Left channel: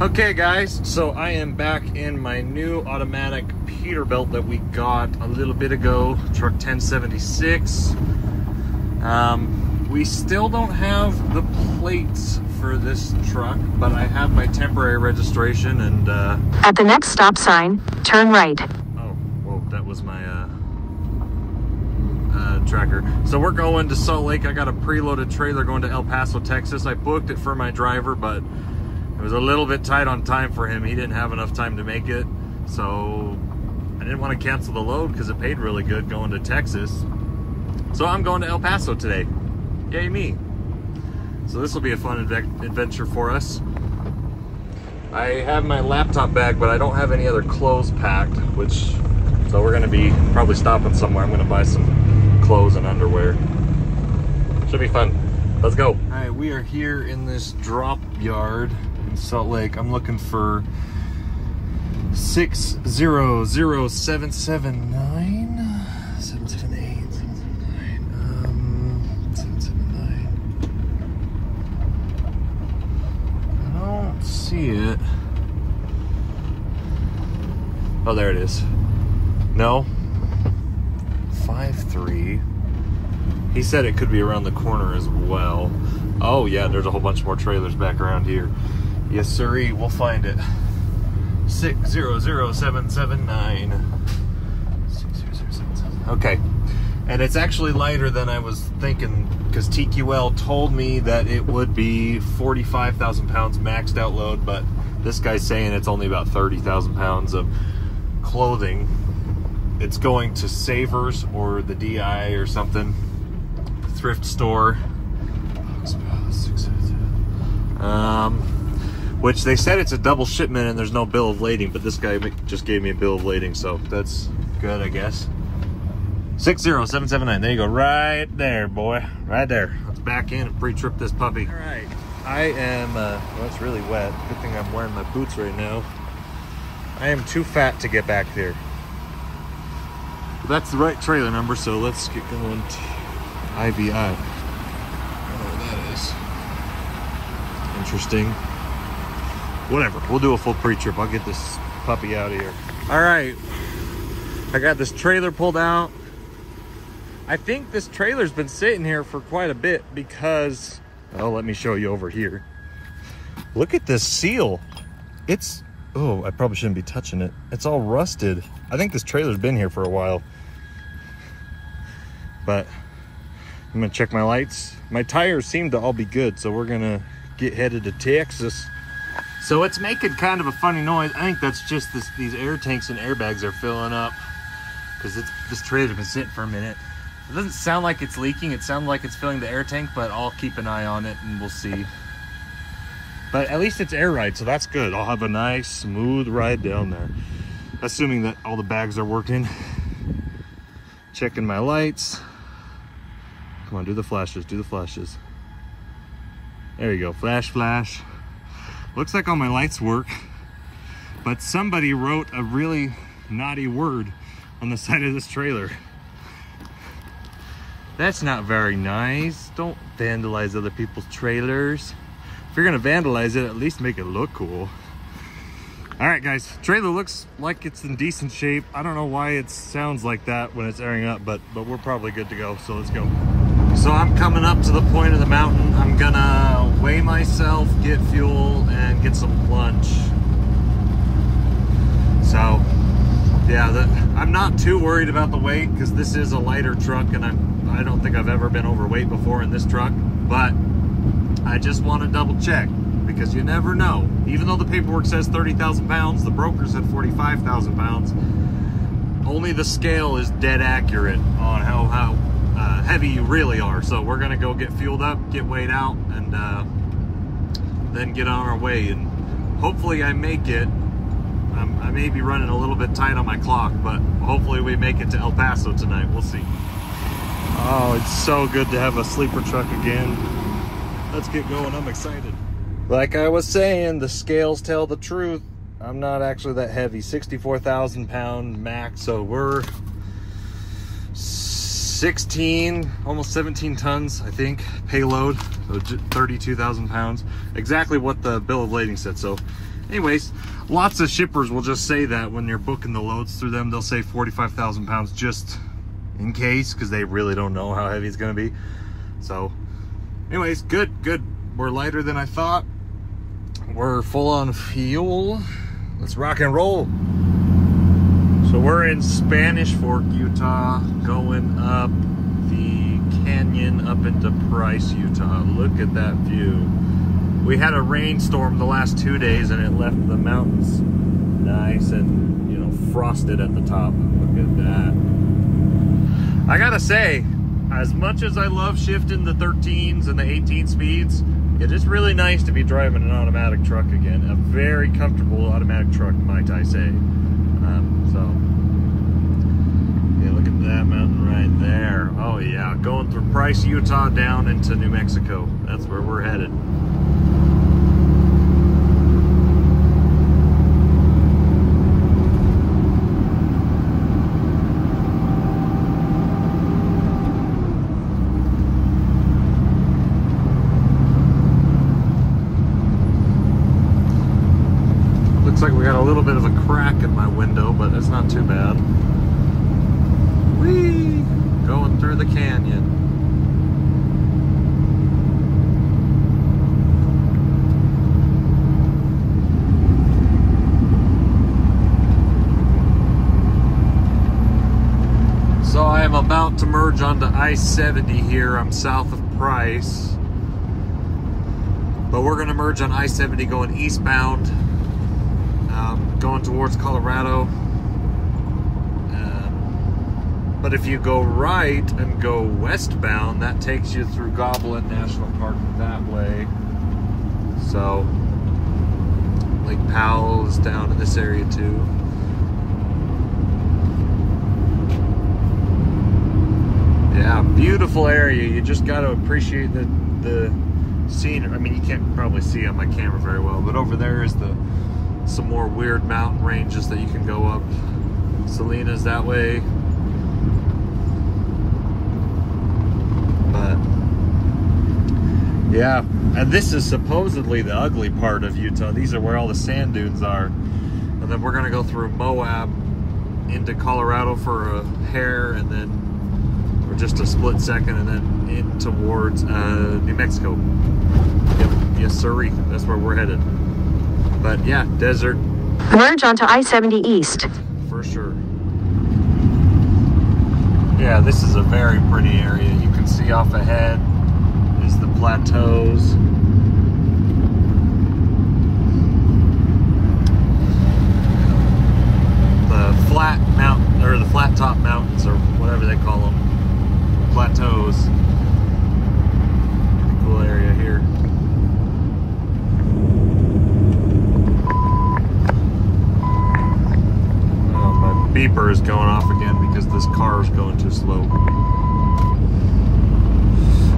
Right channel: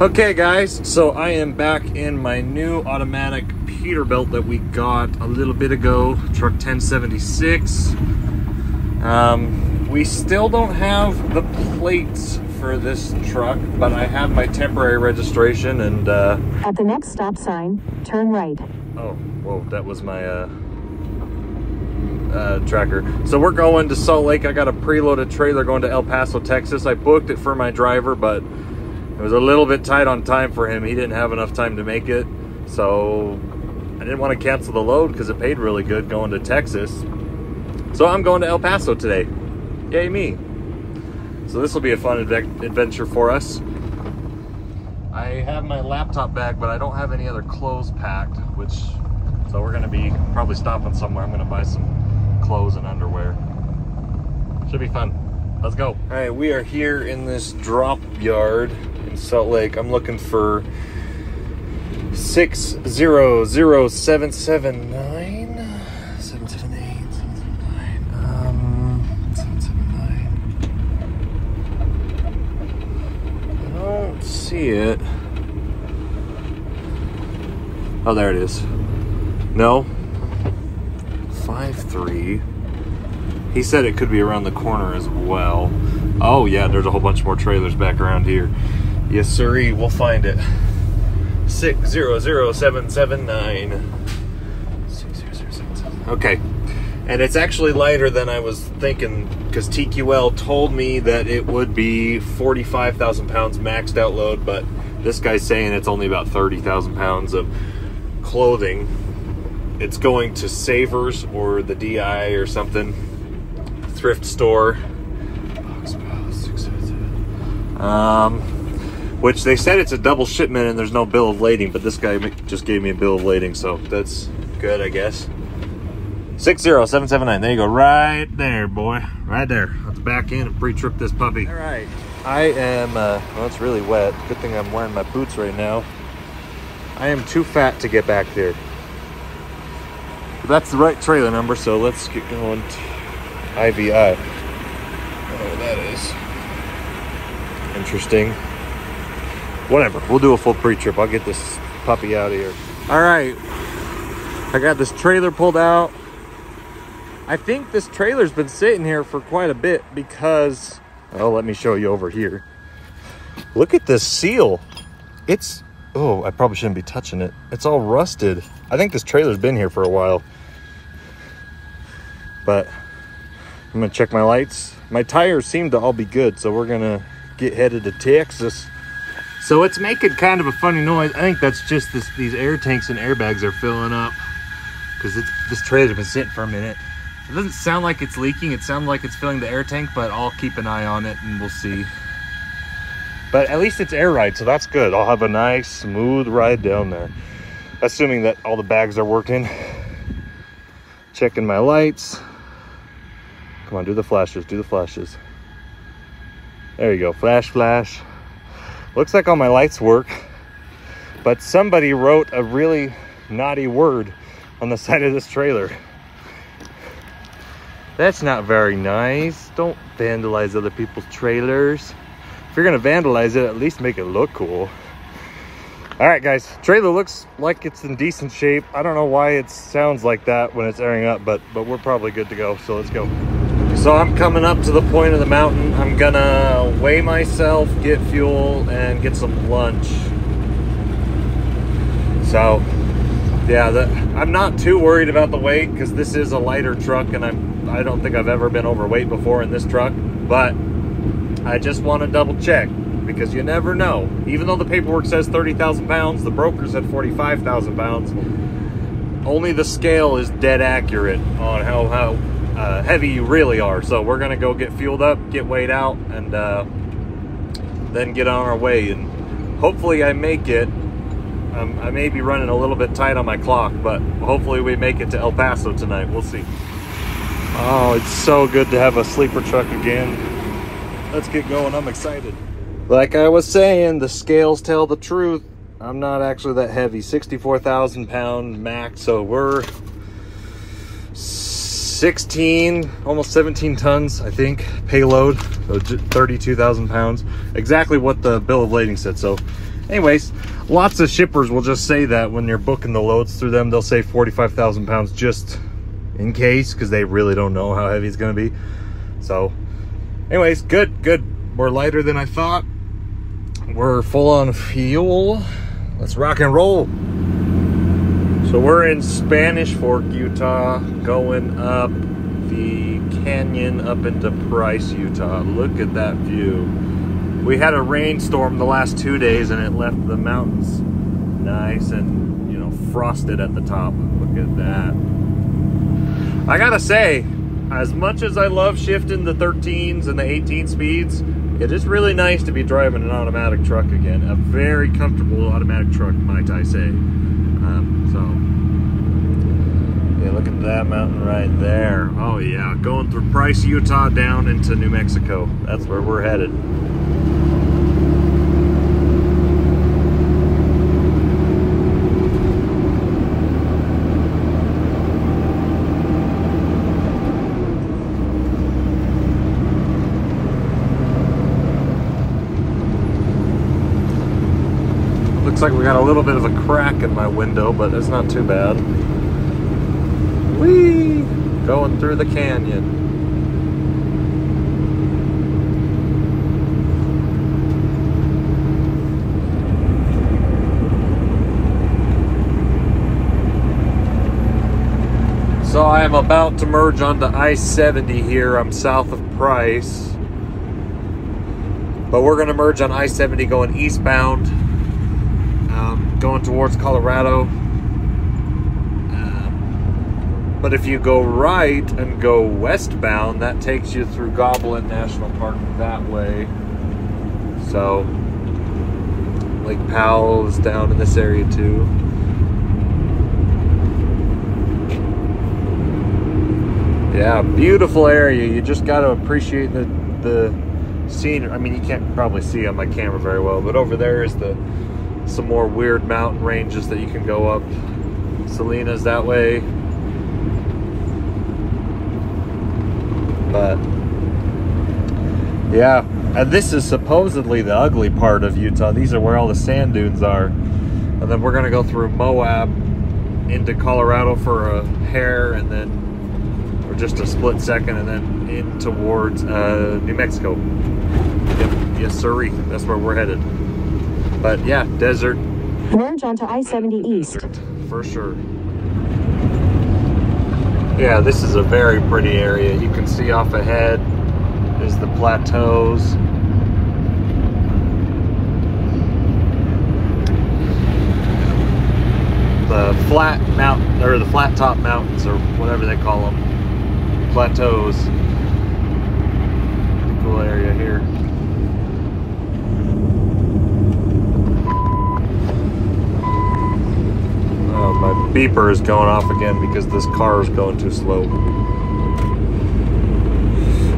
Okay guys, so I am back in my new automatic Peterbilt that we got a little bit ago, truck 1076. We still don't have the plates for this truck, but I have my temporary registration and at the next stop sign, turn right. Oh, whoa, that was my tracker. So we're going to Salt Lake. I got a preloaded trailer going to El Paso, Texas. I booked it for my driver, but it was a little bit tight on time for him. He didn't have enough time to make it. So I didn't want to cancel the load because it paid really good going to Texas. So I'm going to El Paso today. Yay me. So this will be a fun adventure for us. I have my laptop bag, but I don't have any other clothes packed, so we're gonna be probably stopping somewhere. I'm gonna buy some clothes and underwear. Should be fun. Let's go. All right, we are here in this drop yard in Salt Lake. I'm looking for 600779. 778, 779. I don't see it. Oh, there it is. No. 53. He said it could be around the corner as well. Oh yeah, there's a whole bunch more trailers back around here. Yes, sirree, we'll find it. 600779. 600779. Okay, and it's actually lighter than I was thinking because TQL told me that it would be 45,000 pounds maxed out load, but this guy's saying it's only about 30,000 pounds of clothing. It's going to Savers or the DI or something. Thrift store. Which they said it's a double shipment and there's no bill of lading, but this guy just gave me a bill of lading, so that's good, I guess. 60779. There you go, right there, boy, right there. Let's back in and pre-trip this puppy. All right, I am. Well, it's really wet. Good thing I'm wearing my boots right now. I am too fat to get back here. That's the right trailer number, so let's get going. IVI. I don't know what that is. Interesting. Whatever, we'll do a full pre-trip. I'll get this puppy out of here. All right, I got this trailer pulled out. I think this trailer's been sitting here for quite a bit because, oh, let me show you over here. Look at this seal. It's, oh, I probably shouldn't be touching it. It's all rusted. I think this trailer's been here for a while. But I'm gonna check my lights. My tires seem to all be good, so we're gonna get headed to Texas. So it's making kind of a funny noise. I think that's just these air tanks and airbags are filling up because this trailer's been sitting for a minute. It doesn't sound like it's leaking. It sounds like it's filling the air tank, but I'll keep an eye on it and we'll see. But at least it's air ride, so that's good. I'll have a nice, smooth ride down there. Assuming that all the bags are working. Checking my lights. Come on, do the flashes, do the flashes. There you go, flash, flash. Looks like all my lights work, but somebody wrote a really naughty word on the side of this trailer. That's not very nice. Don't vandalize other people's trailers. If you're gonna vandalize it, at least make it look cool. All right, guys, trailer looks like it's in decent shape. I don't know why it sounds like that when it's airing up, but we're probably good to go, so let's go. So I'm coming up to the point of the mountain. I'm gonna weigh myself, get fuel, and get some lunch. So, yeah, I'm not too worried about the weight because this is a lighter truck, and I don't think I've ever been overweight before in this truck, but I just want to double check because you never know. Even though the paperwork says 30,000 pounds, the broker said 45,000 pounds. Only the scale is dead accurate on how heavy you really are. So we're gonna go get fueled up, get weighed out, and then get on our way. And hopefully I make it. I may be running a little bit tight on my clock, but hopefully we make it to El Paso tonight. We'll see. Oh, it's so good to have a sleeper truck again. Let's get going. I'm excited. Like I was saying, the scales tell the truth. I'm not actually that heavy. 64,000 pound max, so we're 16, almost 17 tons, I think, payload, so 32,000 pounds. Exactly what the bill of lading said. So Anyways, lots of shippers will just say that when you're booking the loads through them, they'll say 45,000 pounds just in case, because they really don't know how heavy it's going to be. So anyways, good. We're lighter than I thought. We're full on fuel. Let's rock and roll. So we're in Spanish Fork, Utah, going up the canyon up into Price, Utah. Look at that view. We had a rainstorm the last 2 days and it left the mountains nice and, you know, frosted at the top. Look at that. I gotta say, as much as I love shifting the 13s and the 18 speeds, it is really nice to be driving an automatic truck again. A very comfortable automatic truck, might I say. Yeah, look at that mountain right there. Oh yeah, going through Price, Utah, down into New Mexico. That's where we're headed. Looks like we got a little bit of a crack in my window, but it's not too bad. Whee! Going through the canyon. So I am about to merge onto I-70 here. I'm south of Price. But we're going to merge on I-70 going eastbound. Going towards Colorado. But if you go right and go westbound, that takes you through Goblin National Park that way. So Lake Powell is down in this area too. Yeah, beautiful area. You just got to appreciate the scenery. I mean, you can't probably see on my camera very well, but over there is some more weird mountain ranges that you can go up. Salinas that way. But yeah, and this is supposedly the ugly part of Utah. These are where all the sand dunes are. And then we're gonna go through Moab into Colorado for a hair, and then, or just a split second, and then in towards New Mexico. Yep, yes sirree, that's where we're headed. But yeah, desert. Merge onto I-70 East. For sure. Yeah, this is a very pretty area. You can see off ahead is the plateaus. The flat mountain, or the flat top mountains, or whatever they call them. Plateaus. Pretty cool area here. Beeper is going off again because this car is going too slow.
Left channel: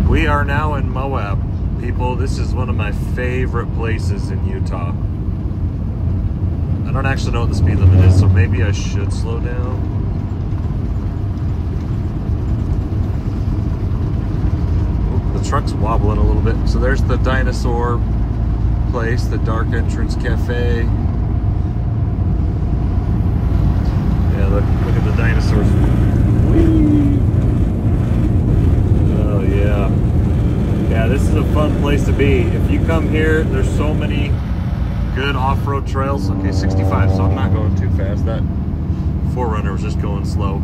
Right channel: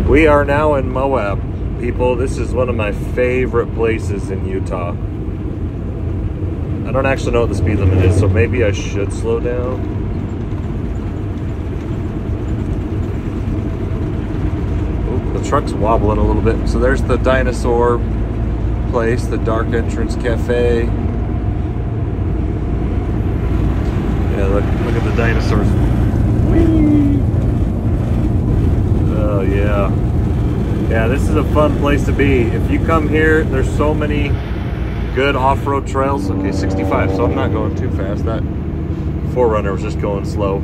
We are now in Moab, people. This is one of my favorite places in Utah. I don't actually know what the speed limit is, so maybe I should slow down. Ooh, the truck's wobbling a little bit. So there's the dinosaur place, the Dark Entrance Cafe. Look at the dinosaurs. Oh yeah. Yeah, this is a fun place to be. If you come here, there's so many good off-road trails. Okay, 65, so I'm not going too fast. That 4Runner was just going slow.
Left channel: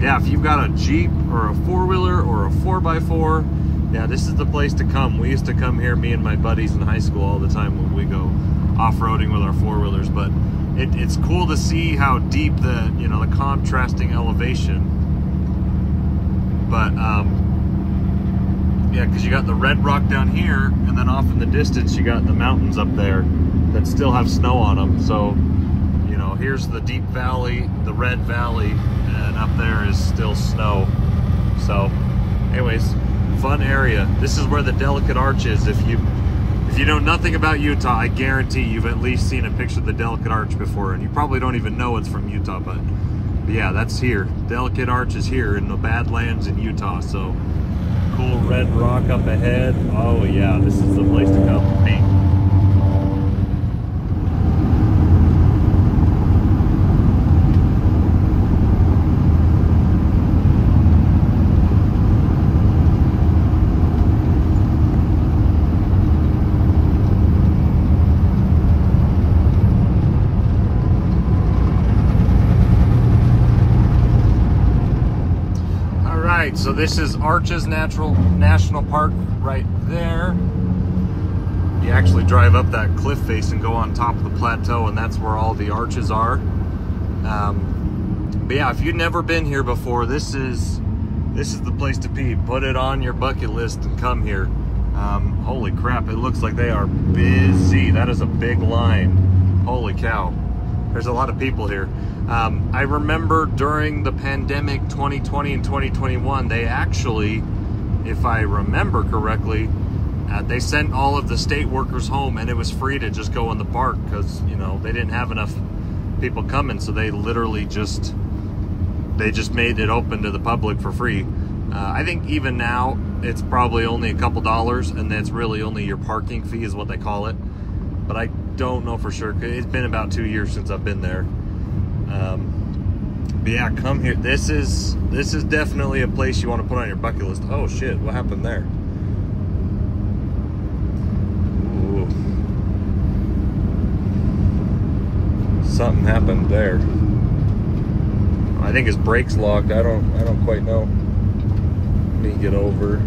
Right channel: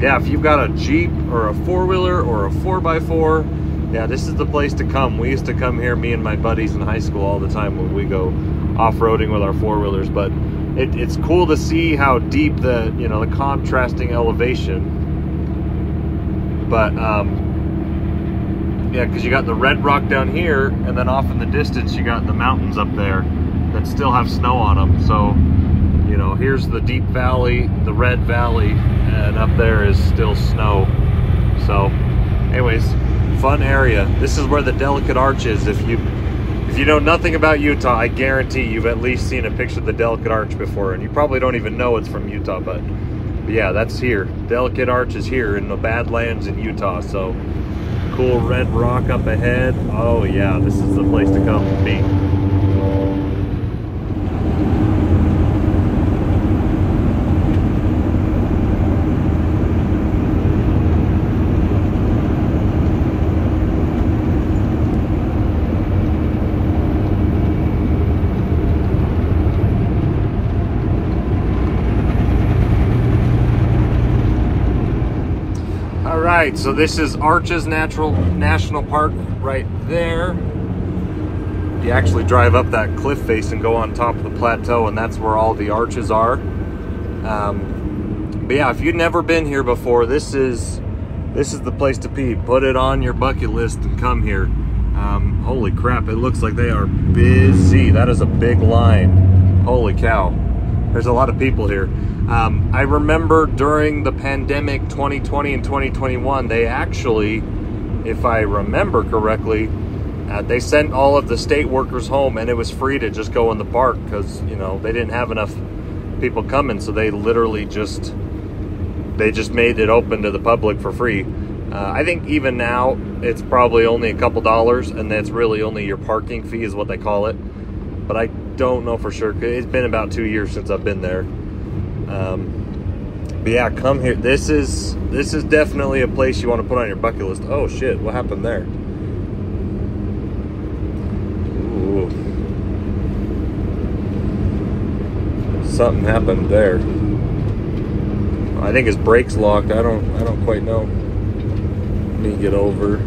Yeah, if you've got a Jeep or a 4-wheeler or a 4x4, yeah, this is the place to come. We used to come here, me and my buddies in high school, all the time when we go off-roading with our 4-wheelers, but it's cool to see how deep the, you know, the contrasting elevation. But yeah, because you got the red rock down here, and then off in the distance you got the mountains up there that still have snow on them. So, you know, here's the deep valley, the red valley, and up there is still snow. So anyways, fun area. This is where the Delicate Arch is. If you know nothing about Utah, I guarantee you've at least seen a picture of the Delicate Arch before, and you probably don't even know it's from Utah, but yeah, that's here. Delicate Arch is here in the Badlands in Utah. So cool red rock up ahead. Oh yeah, this is the place to come for me. right, so this is Arches National Park right there. You actually drive up that cliff face and go on top of the plateau, and that's where all the arches are. But yeah, if you've never been here before, this is the place to be. Put it on your bucket list and come here. Holy crap, it looks like they are busy. That is a big line. Holy cow. There's a lot of people here. I remember during the pandemic 2020 and 2021, they actually, if I remember correctly, they sent all of the state workers home, and it was free to just go in the park because, you know, they didn't have enough people coming, so they literally just made it open to the public for free. I think even now it's probably only a couple dollars, and that's really only your parking fee is what they call it. But I don't know for sure. It's been about 2 years since I've been there. But yeah, come here. This is definitely a place you want to put on your bucket list. Oh shit, what happened there? Ooh. Something happened there. I think his brake's locked. I don't quite know. Let me get over.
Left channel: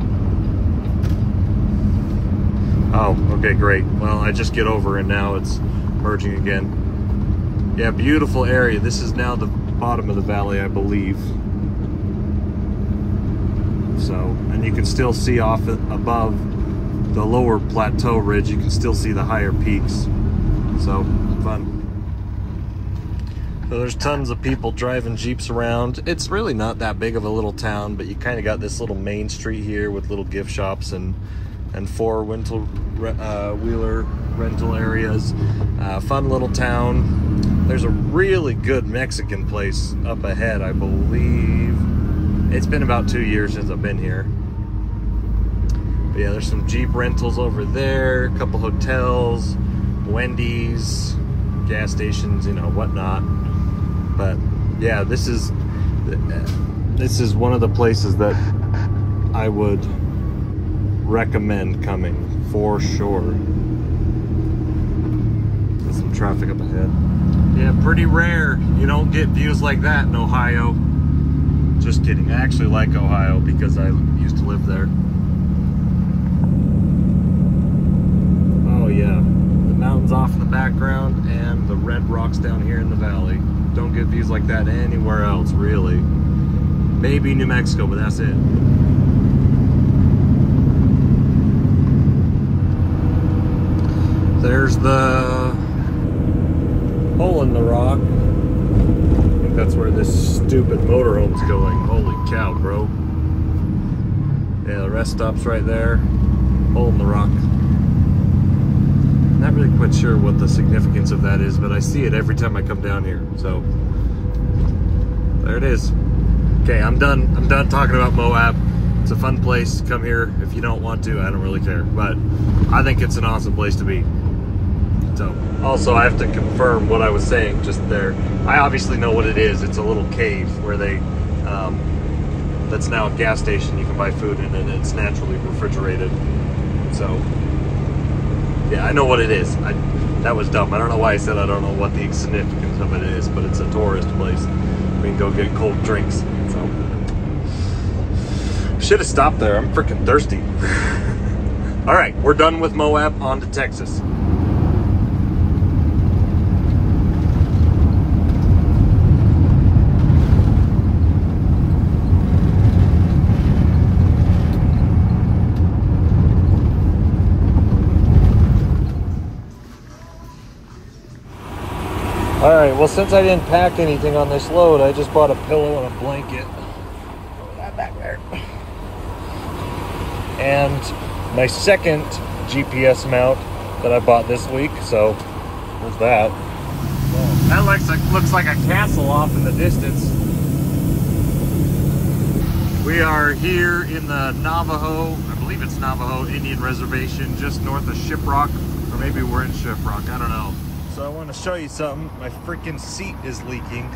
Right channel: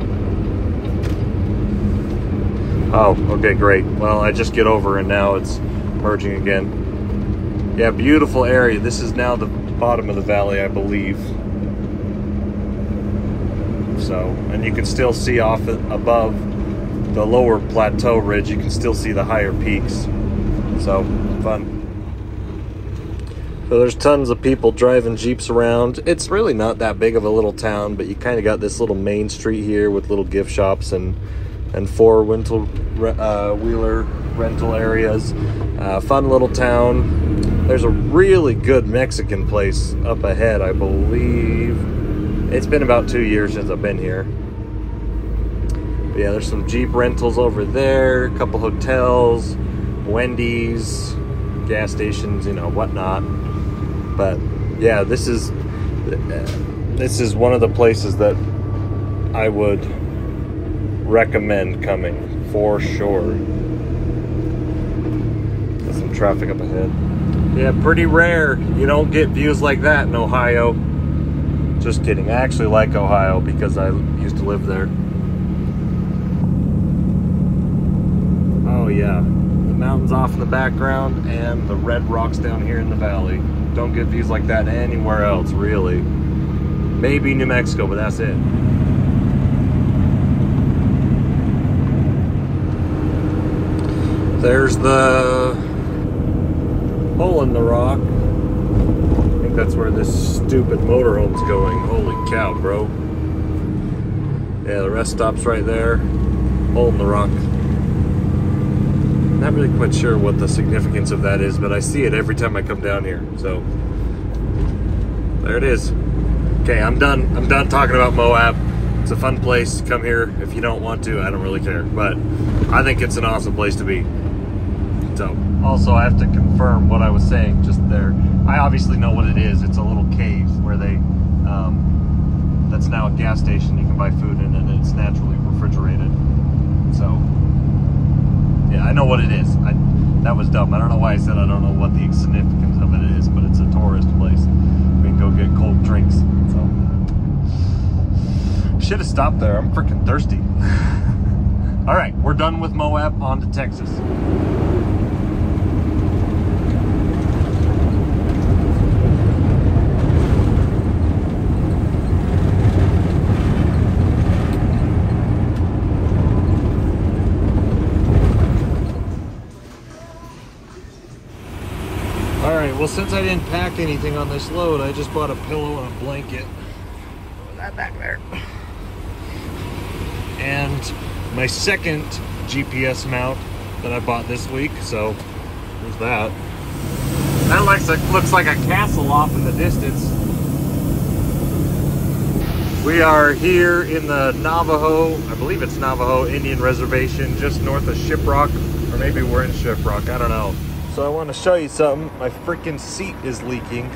Oh, okay, great. Well, I just get over and now it's merging again. Yeah, beautiful area. This is now the bottom of the valley, I believe. So, and you can still see off above the lower plateau ridge, you can still see the higher peaks. So, fun. So there's tons of people driving Jeeps around. It's really not that big of a little town, but you kind of got this little main street here with little gift shops and four-wheeler rental areas. Fun little town. There's a really good Mexican place up ahead, I believe. It's been about 2 years since I've been here. But yeah, there's some Jeep rentals over there, a couple hotels, Wendy's, gas stations, you know, whatnot. But yeah, this is one of the places that I would recommend coming for sure. There's some traffic up ahead. Yeah, pretty rare. You don't get views like that in Ohio. Just kidding. I actually like Ohio because I used to live there. Oh yeah, the mountains off in the background and the red rocks down here in the valley. Don't get views like that anywhere else, really. Maybe New Mexico, but that's it. There's the hole in the rock. I think that's where this stupid motorhome's going. Holy cow, bro. Yeah, the rest stops right there. Hole in the rock. Not really quite sure what the significance of that is, but I see it every time I come down here. So there it is. Okay, I'm done. I'm done talking about Moab. It's a fun place. Come here if you don't want to. I don't really care, but I think it's an awesome place to be. So also I have to confirm what I was saying just there. I obviously know what it is. It's a little cave where they that's now a gas station. You can buy food in, and it's naturally refrigerated. So yeah, I know what it is. That was dumb. I don't know why I said I don't know what the significance of it is, but it's a tourist place. We can go get cold drinks. So should have stopped there. I'm freaking thirsty. All right, we're done with Moab. On to Texas. All right, well, since I didn't pack anything on this load, I just bought a pillow and a blanket. Throw that back there. And my second GPS mount that I bought this week, so there's that. That looks like a castle off in the distance. We are here in the Navajo, I believe it's Navajo Indian Reservation, just north of Shiprock, or maybe we're in Shiprock, I don't know. So I want to show you something. My freaking seat is leaking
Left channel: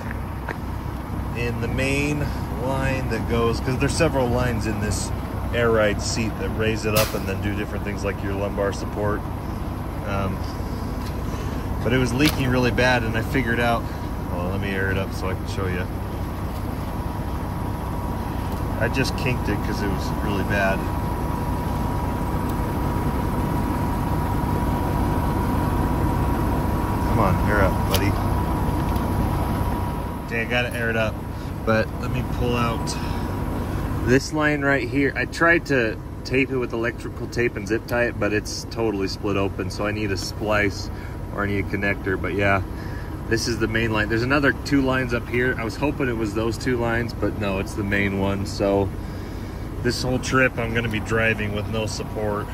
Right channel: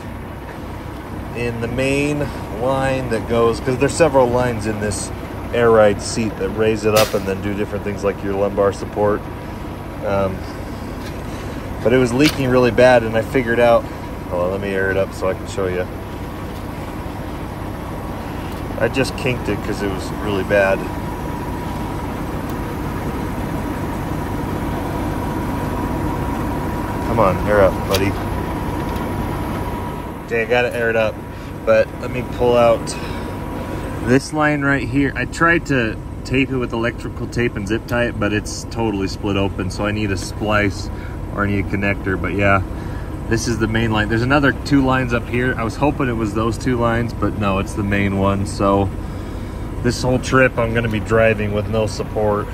in the main line that goes, because there's several lines in this air ride seat that raise it up and then do different things like your lumbar support. But it was leaking really bad, and I figured out, hold on, let me air it up so I can show you. I just kinked it because it was really bad. Come on, air up, buddy. Okay, I got it aired up, but let me pull out this line right here. I tried to tape it with electrical tape and zip tie it, but it's totally split open, so I need a splice or I need a connector. But yeah, this is the main line. There's another 2 lines up here. I was hoping it was those 2 lines, but no, it's the main one. So this whole trip I'm gonna be driving with no support.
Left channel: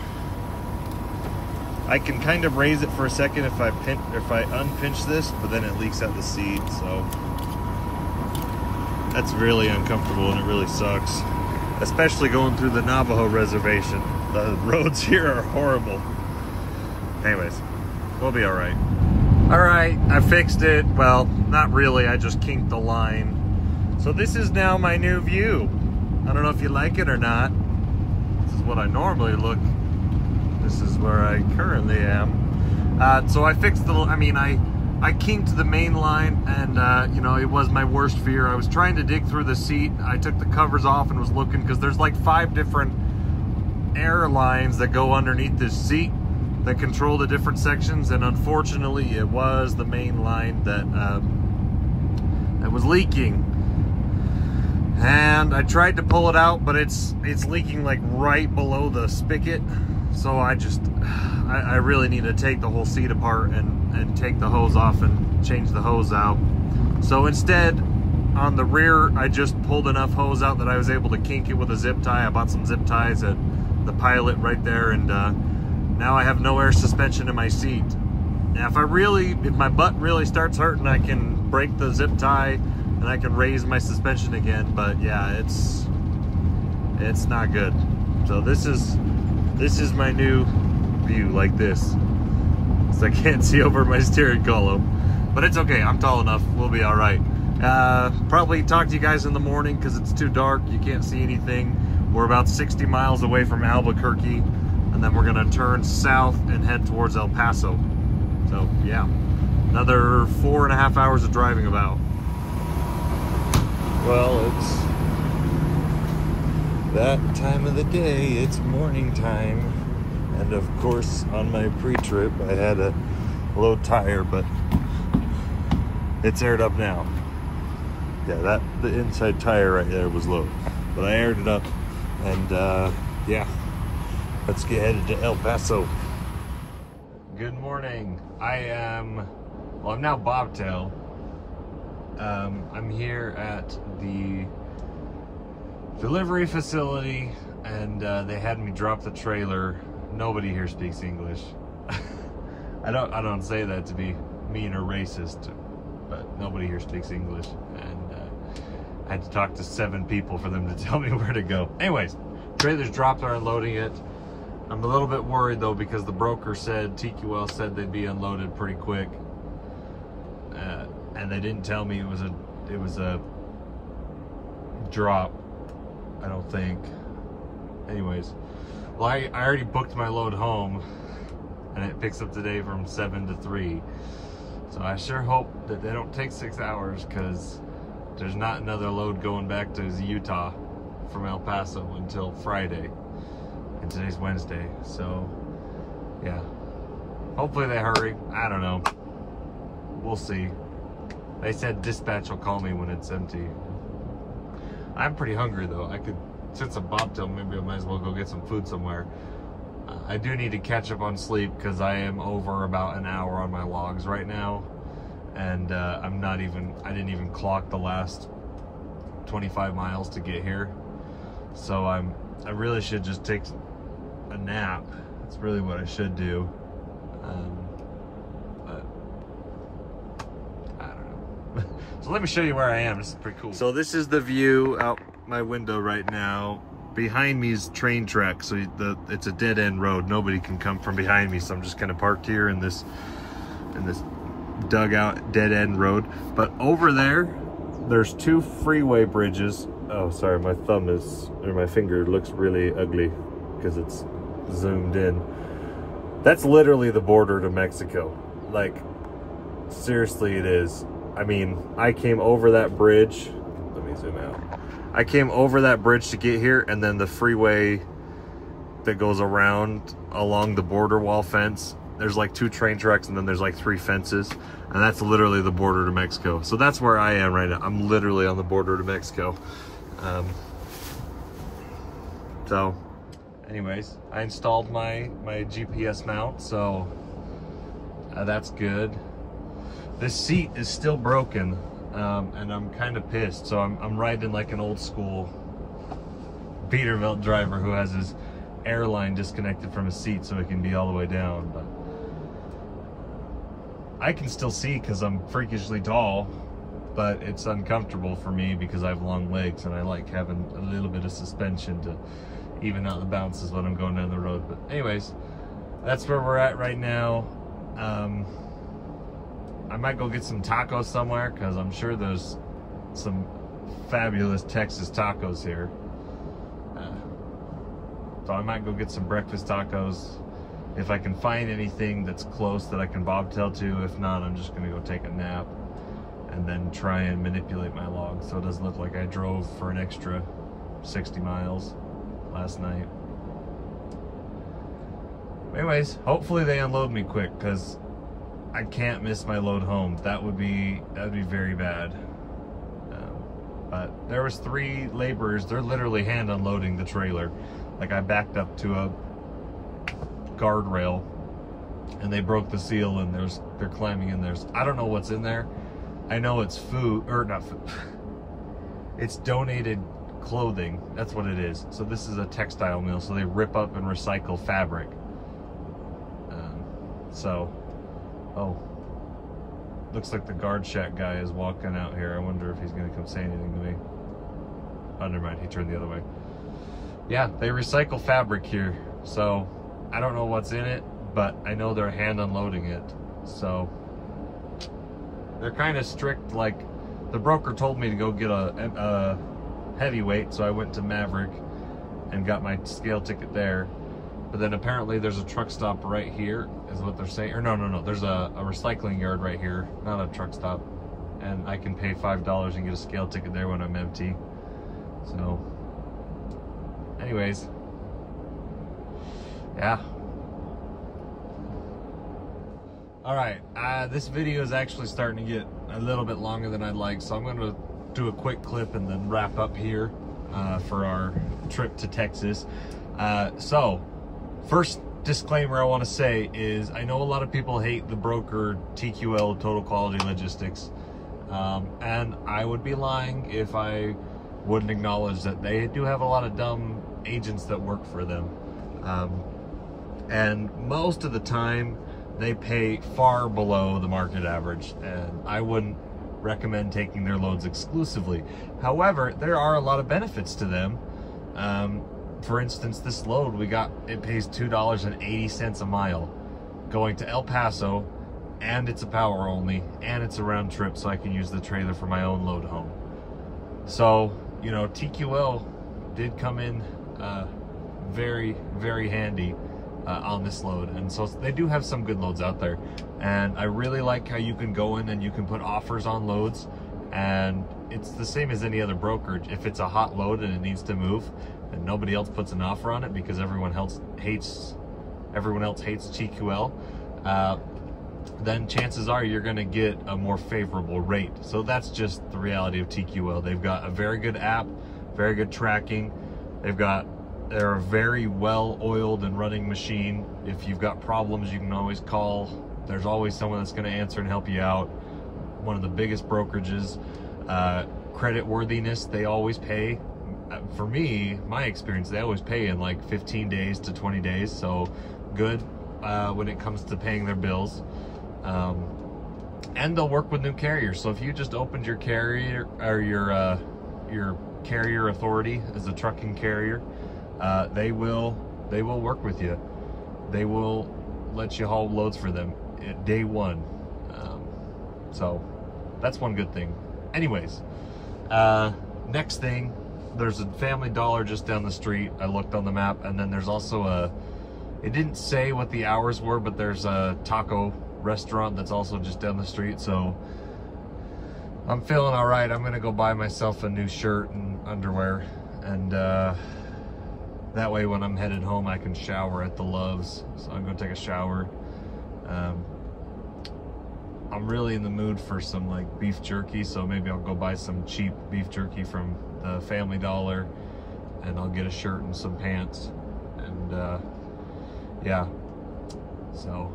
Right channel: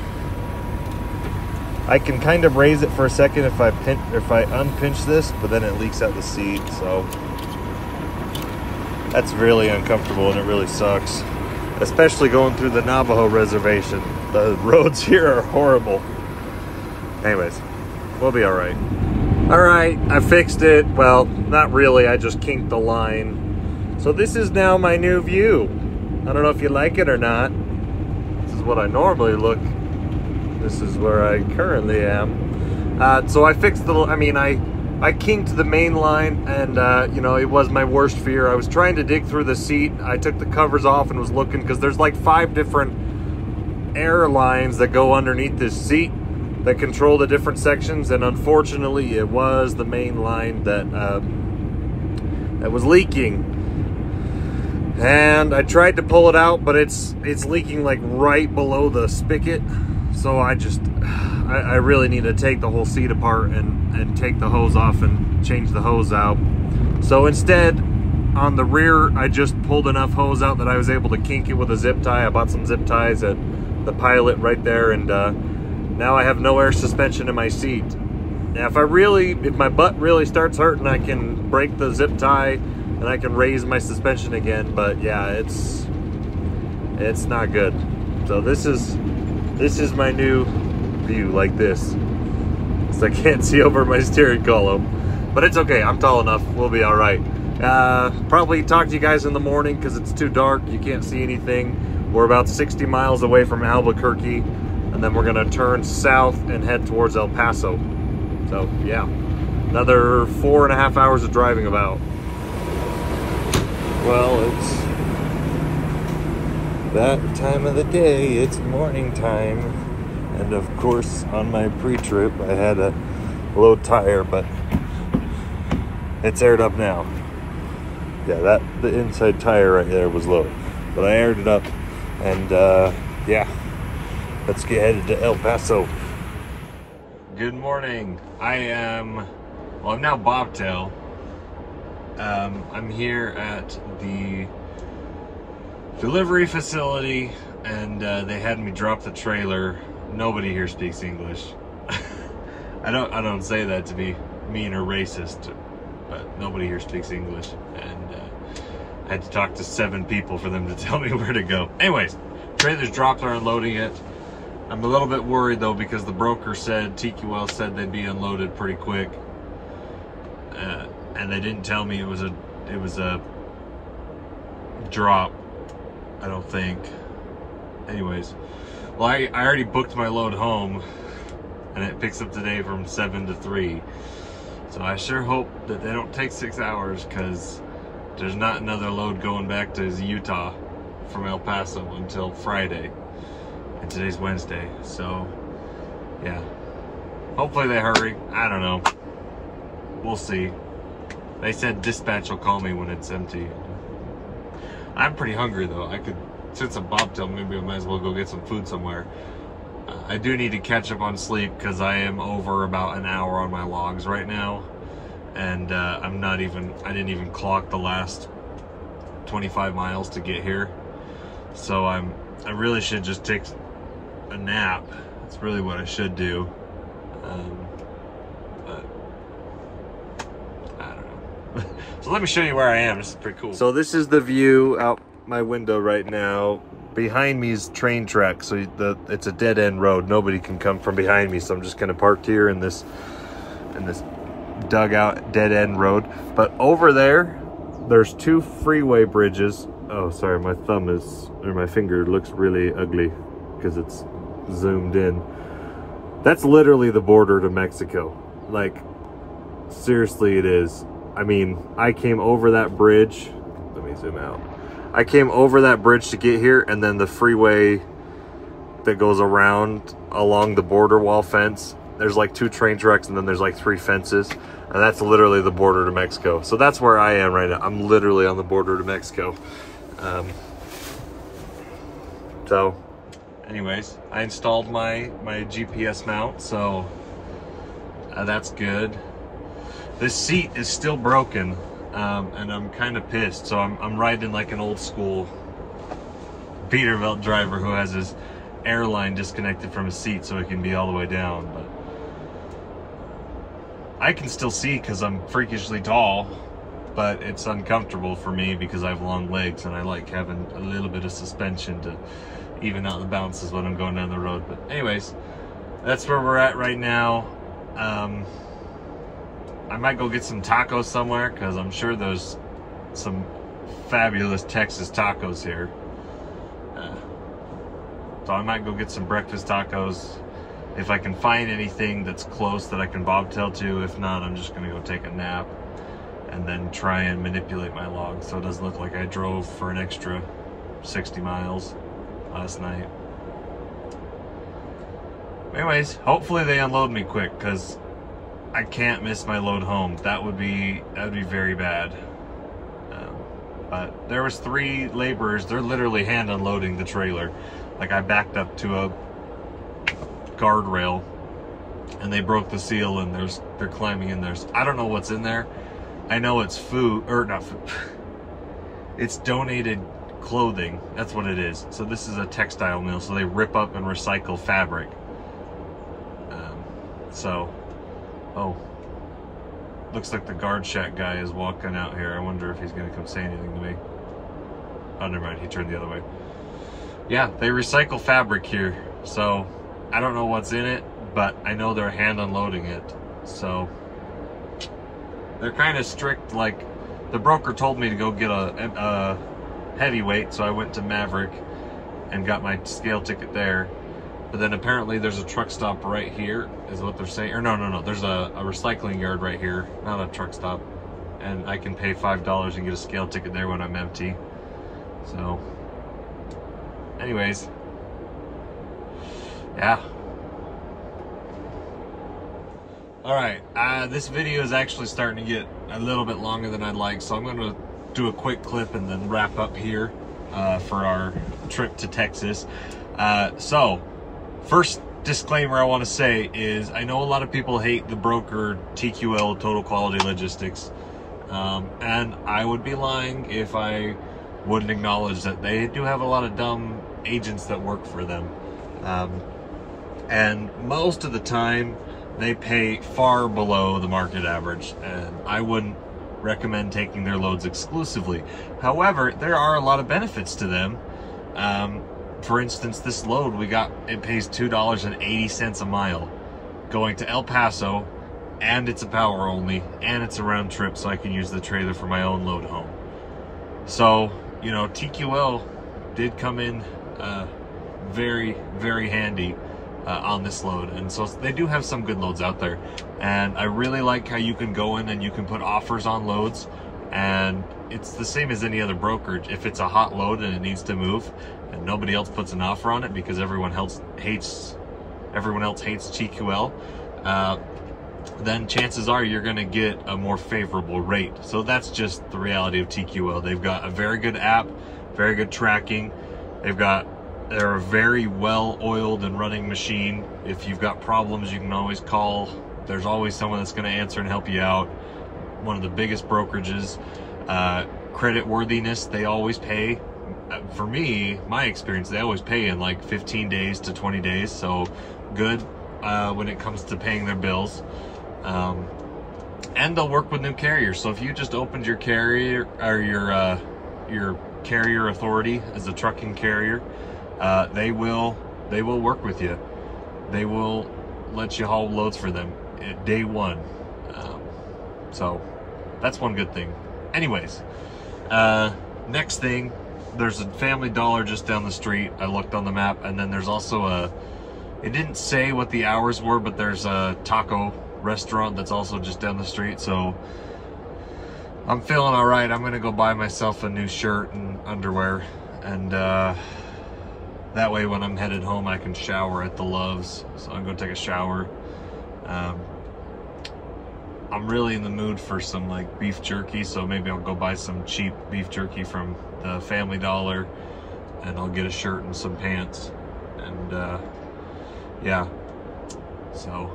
I can kind of raise it for a second if I unpinch this, but then it leaks out the seat, so that's really uncomfortable and it really sucks. Especially going through the Navajo reservation. The roads here are horrible. Anyways, we'll be all right. All right, I fixed it. Well, not really, I just kinked the line. So this is now my new view. I don't know if you like it or not. This is what I normally look. This is where I currently am. So I fixed I kinked the main line, and you know, it was my worst fear. I was trying to dig through the seat. I took the covers off and was looking, because there's like 5 different air lines that go underneath this seat that control the different sections, and unfortunately it was the main line that that was leaking. And I tried to pull it out, but it's leaking like right below the spigot. So I really need to take the whole seat apart and take the hose off and change the hose out. So instead, on the rear, I just pulled enough hose out that I was able to kink it with a zip tie. I bought some zip ties at the Pilot right there, and now I have no air suspension in my seat. Now, if my butt really starts hurting, I can break the zip tie and I can raise my suspension again. But yeah, it's not good. So this is my new view, like this. So I can't see over my steering column, but it's okay. I'm tall enough. We'll be all right. Probably talk to you guys in the morning because it's too dark. You can't see anything. We're about 60 miles away from Albuquerque, and then we're gonna turn south and head towards El Paso. So yeah, another 4.5 hours of driving about. Well, it's that time of the day. It's morning time. And of course, on my pre-trip, I had a low tire, but it's aired up now. Yeah, the inside tire right there was low, but I aired it up, and yeah, let's get headed to El Paso. Good morning. I'm now bobtail. I'm here at the delivery facility, and they had me drop the trailer. Nobody here speaks English. I don't say that to be mean or racist, but nobody here speaks English, and I had to talk to 7 people for them to tell me where to go. Anyways, trailer's dropped, they're unloading it. I'm a little bit worried though, because the broker said, TQL said they'd be unloaded pretty quick, and they didn't tell me it was a drop, I don't think. Anyways, well, I already booked my load home, and it picks up today from 7 to 3. So I sure hope that they don't take 6 hours, because there's not another load going back to Utah from El Paso until Friday. And today's Wednesday, so yeah. Hopefully they hurry. I don't know. We'll see. They said dispatch will call me when it's empty. I'm pretty hungry though. Since I'm bobtail, maybe I might as well go get some food somewhere. I do need to catch up on sleep because I am over about an hour on my logs right now, and I didn't even clock the last 25 miles to get here. So I really should just take a nap. That's really what I should do. But I don't know. So let me show you where I am. This is pretty cool. So this is the view out my window right now. Behind me is train track, so it's a dead end road. Nobody can come from behind me, so I'm just kind of parked here in this dugout dead end road. But over there's 2 freeway bridges. Oh, sorry, my finger looks really ugly because it's zoomed in. That's literally the border to Mexico. Like, seriously, it is. I mean, I came over that bridge. Let me zoom out. I came over that bridge to get here, and then the freeway that goes around along the border wall fence, there's like 2 train tracks, and then there's like 3 fences, and that's literally the border to Mexico. So that's where I am right now. I'm literally on the border to Mexico. So anyways, I installed my GPS mount, so that's good. This seat is still broken, and I'm kind of pissed. So I'm riding like an old school Peterbilt driver who has his airline disconnected from his seat so it can be all the way down. But I can still see because I'm freakishly tall, but it's uncomfortable for me because I have long legs and I like having a little bit of suspension to even out the bounces when I'm going down the road. But anyways, that's where we're at right now. I might go get some tacos somewhere because I'm sure there's some fabulous Texas tacos here. So I might go get some breakfast tacos if I can find anything that's close that I can bobtail to. If not, I'm just gonna go take a nap and then try and manipulate my log so it doesn't look like I drove for an extra 60 miles last night. Anyways, hopefully they unload me quick because I can't miss my load home. That would be very bad. But there was 3 laborers. They're literally hand unloading the trailer. Like, I backed up to a guardrail and they broke the seal, and they're climbing in there. So I don't know what's in there. I know it's food, or not food. It's donated clothing. That's what it is. So this is a textile mill, so they rip up and recycle fabric. Oh, looks like the guard shack guy is walking out here. I wonder if he's gonna come say anything to me. Oh, never mind, he turned the other way. Yeah, they recycle fabric here, so I don't know what's in it, but I know they're hand unloading it. So they're kind of strict. Like, the broker told me to go get a heavyweight, so I went to Maverick and got my scale ticket there. But then apparently there's a truck stop right here, is what they're saying. Or no, there's a recycling yard right here, not a truck stop. And I can pay $5 and get a scale ticket there when I'm empty. So, anyways, yeah. All right, this video is actually starting to get a little bit longer than I'd like, so I'm gonna do a quick clip and then wrap up here for our trip to Texas. So, first disclaimer I want to say is I know a lot of people hate the broker TQL, Total Quality Logistics, and I would be lying if I wouldn't acknowledge that they do have a lot of dumb agents that work for them, and most of the time they pay far below the market average, and I wouldn't recommend taking their loads exclusively. However, there are a lot of benefits to them. For instance, this load we got, it pays $2.80 a mile going to El Paso, and it's a power only, and it's a round trip, so I can use the trailer for my own load home. So, you know, TQL did come in very, very handy on this load, and so they do have some good loads out there. And I really like how you can go in and you can put offers on loads, and it's the same as any other brokerage. If it's a hot load and it needs to move and nobody else puts an offer on it because everyone else hates TQL, then chances are you're going to get a more favorable rate. So that's just the reality of TQL. They've got a very good app, very good tracking. They're a very well oiled and running machine. If you've got problems, you can always call. There's always someone that's going to answer and help you out. One of the biggest brokerages. Credit worthiness, they always pay. For me, my experience, they always pay in like 15 days to 20 days. So good when it comes to paying their bills. And they'll work with new carriers. So if you just opened your carrier or your carrier authority as a trucking carrier, they will work with you. They will let you haul loads for them at day one. So that's one good thing. Anyways, next thing, there's a Family Dollar just down the street. I looked on the map, and then there's also it didn't say what the hours were, but there's a taco restaurant that's also just down the street. So I'm feeling all right. I'm gonna go buy myself a new shirt and underwear, and that way when I'm headed home I can shower at the Loves. So I'm gonna take a shower. I'm really in the mood for some like beef jerky, so maybe I'll go buy some cheap beef jerky from the Family Dollar, and I'll get a shirt and some pants, and yeah, so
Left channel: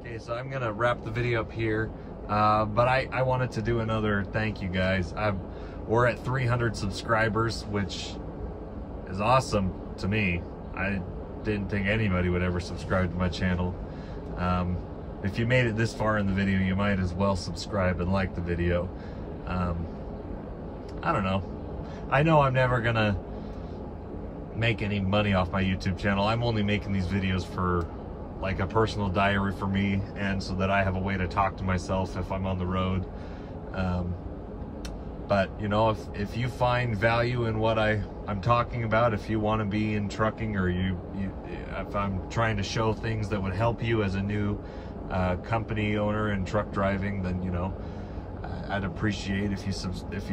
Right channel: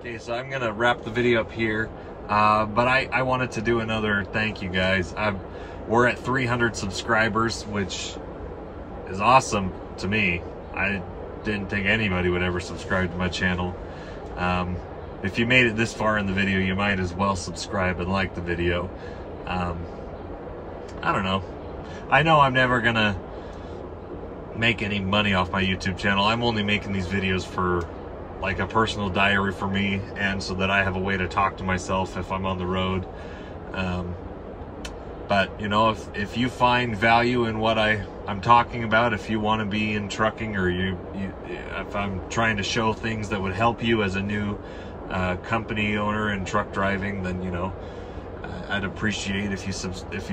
okay, so I'm gonna wrap the video up here, but I wanted to do another thank you guys. We're at 300 subscribers, which is awesome to me. I didn't think anybody would ever subscribe to my channel. If you made it this far in the video, you might as well subscribe and like the video. I don't know. I know I'm never gonna make any money off my YouTube channel. I'm only making these videos for like a personal diary for me, and so that I have a way to talk to myself if I'm on the road. But you know, if you find value in what I'm talking about, if you want to be in trucking, or if I'm trying to show things that would help you as a new company owner in truck driving, then you know, I'd appreciate if you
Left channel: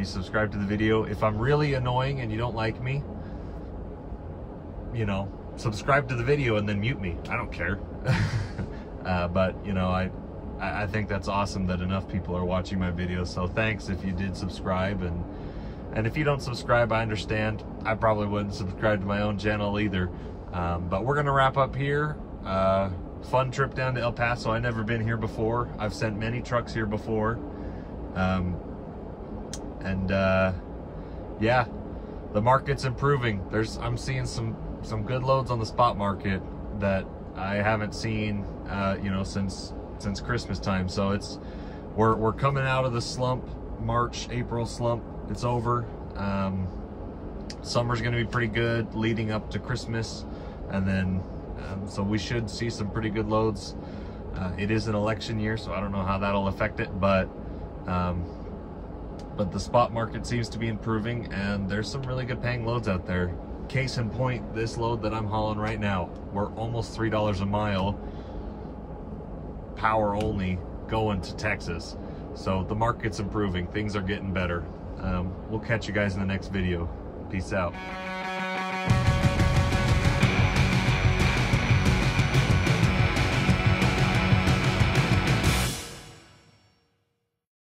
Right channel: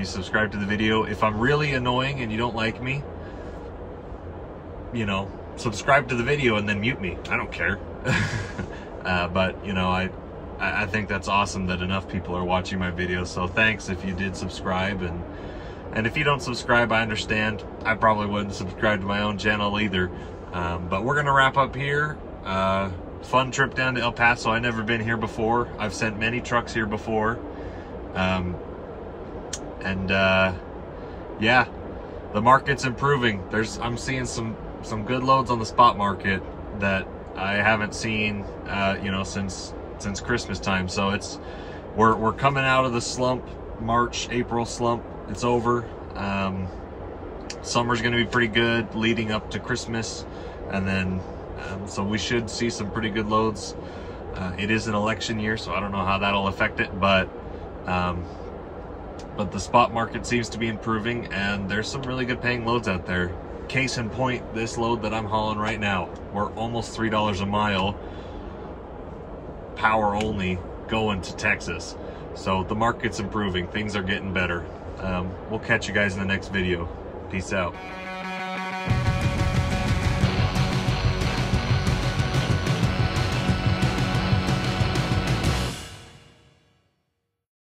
subscribe to the video. If I'm really annoying and you don't like me, you know, subscribe to the video and then mute me. I don't care. But you know, I think that's awesome that enough people are watching my videos. So thanks if you did subscribe, and if you don't subscribe, I understand. I probably wouldn't subscribe to my own channel either. But we're gonna wrap up here. Fun trip down to El Paso. I've never been here before. I've sent many trucks here before. Yeah, the market's improving. I'm seeing some good loads on the spot market that I haven't seen, you know, since Christmas time. So we're coming out of the slump, April slump. It's over. Summer's gonna be pretty good leading up to Christmas, and then so we should see some pretty good loads. It is an election year, so I don't know how that'll affect it, but the spot market seems to be improving, and there's some really good paying loads out there. Case in point, this load that I'm hauling right now, we're almost $3 a mile, power only, going to Texas. So the market's improving, things are getting better. We'll catch you guys in the next video. Peace out.